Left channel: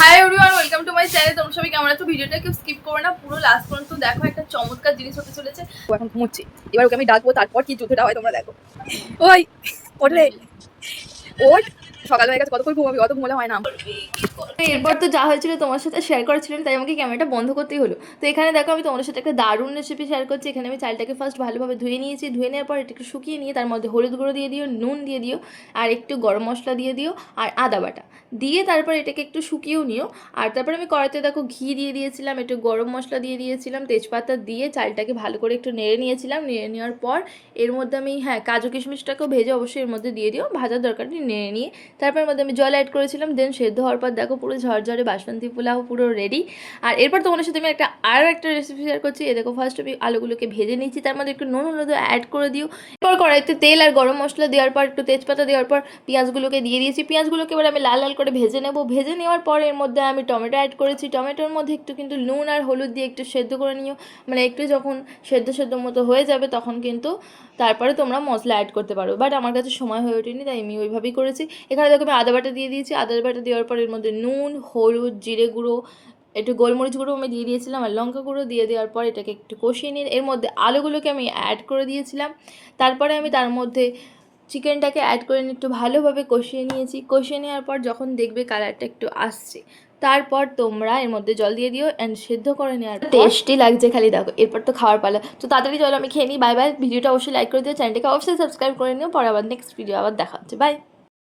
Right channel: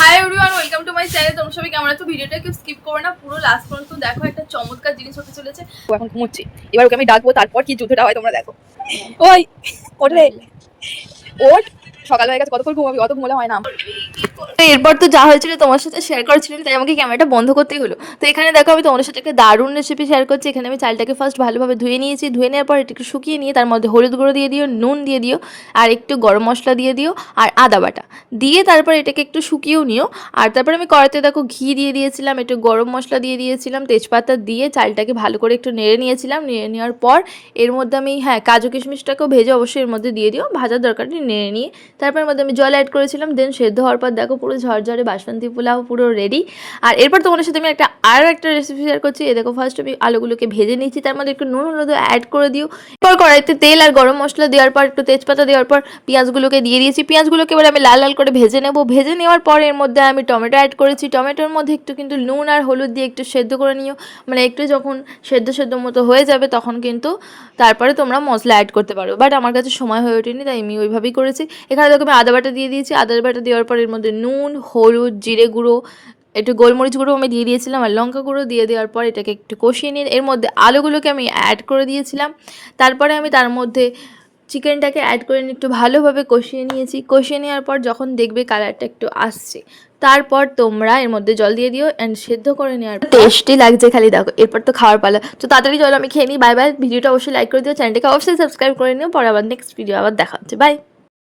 Hi everyone, welcome to my channel. তোমরা সবাই কেমন আছো? ভিডিওটা কেউ স্কিপ করো না, পুরো লাস্ট পর্যন্ত দেখো। একটা চমৎকার জিনিস হতে চলেছে। ও এখন ঘুমোচ্ছে, এবার ওকে আমি ডাকবো, তারপর কি যুদ্ধটা হয় তোমরা দেখো। ওই ওঠ রে, ওঠ। সকাল হয়ে গেছে, কতক্ষণ ঘুমাবি? অত ঘুমলে হয় না। তো এরপর তো যা হয়েছিল তোমার সাথে শেয়ার করেছিলাম, তাই আমাকে ক্যামেরাটা বন্ধ করতেই হলো। তো এখানে দেখো আমি তোমাদের সাথে একটা দারুণ রেসিপি শেয়ার করছি। এখানে আমি চালটাকে ফার্স্ট ভালোভাবে ধুয়ে নিয়েছি। ধুয়ে নেওয়ার পর একটু শুকিয়ে নিয়ে তার মধ্যে হলুদ গুঁড়ো দিয়ে দিও, নুন দিয়ে দিও, আর একটু গরম মশলা দিয়ে দিও, আর আদা বাটা দিয়ে তারপর এটাকে একটু শুকিয়েও নিও। আর তারপর আমি কড়াইতে দেখো ঘি দিয়ে দিয়েছিলাম, একটু গরম মশলা দিয়ে দিয়েছিলাম, তেজপাতা দিয়ে চালটাকে ভালো করে একটু নেড়ে নিয়েছিলাম। নেড়ে নেওয়ার পর এর মধ্যে আমি কাজু কিশমিশটাকেও ভেজে অবশ্যই এর মধ্যে দিয়ে দিও, ভাজার দরকার নেই, নেড়ে নিয়ে তারপর মধ্যে আমি জল অ্যাড করেছিলাম। দেন সেদ্ধ হওয়ার পর দেখো পুরো ঝরঝরে বাসন্তী পোলাও পুরো রেডি। আর এরপর তোমাদের সাথে আমি আরও একটা রেসিপি শেয়ার করছি। এ দেখো ফার্স্ট আমি আলুগুলোকে ভেজে নিচ্ছি, তার মধ্যে একটু নুন হলুদ অ্যাড করে দিও। এরপর কড়াইতে তেল আর গরম মশলা দেওয়ার পর একটু তেজপাতা দেওয়ার পর পেঁয়াজগুলোকে দিয়ে দিয়েছি। পেঁয়াজগুলোকে এবার আমি লাল লাল করে ভেজে নেব। ভেজে নেওয়ার পর এর মধ্যে আমি টমেটো অ্যাড করেছি। টমেটোর মধ্যে একটু কিন্তু নুন আর হলুদ দিয়ে একটু সেদ্ধ করে নিও। মানে একটু যখন সেদ্ধ মতো হয়ে যাবে তখন কিন্তু তারপরে তোমরা মশলা অ্যাড করতে পারো, বাট আমার কাছে সময় হয়ে ওঠেনি, তাই আমি ওইভাবেই করেছি। এখানে দেখো আমি আদা বাটা দিয়ে দিয়েছি। আদা বাটা দেওয়ার পর এর মধ্যে নুন, হলুদ, জিরে গুঁড়ো, একটু গোলমরিচ গুঁড়ো আমি দিয়ে দিয়েছিলাম, আর লঙ্কা গুঁড়ো দিয়ে দেওয়ার পর এটাকে একটু কষিয়ে নিয়ে এর মধ্যে আলুগুলোকে আমি অ্যাড করে দিয়েছিলাম। তারপরে আমি তার মধ্যে চিকেনটাকে অ্যাড করে নিয়ে একটু ভালোভাবে কষিয়ে নিয়েছি। কষিয়ে নেওয়ার পর যখন দেখবে কালারটা একটু আসছে, তারপর তোমরা এর মধ্যে জল দিয়ে দিও অ্যান্ড সেদ্ধ করে নেওয়ার টেস্টি লাগছে খালি দেখো। এরপর তো খাওয়ার পালা, তো তাড়াতাড়ি জল আমি খেয়ে নিই। Bye bye. ভিডিওটা অবশ্যই লাইক করে দিও, চ্যানেলটাকে অবশ্যই সাবস্ক্রাইব করে নিও। পরে আবার নেক্সট ভিডিও আবার দেখা হচ্ছে। বাই।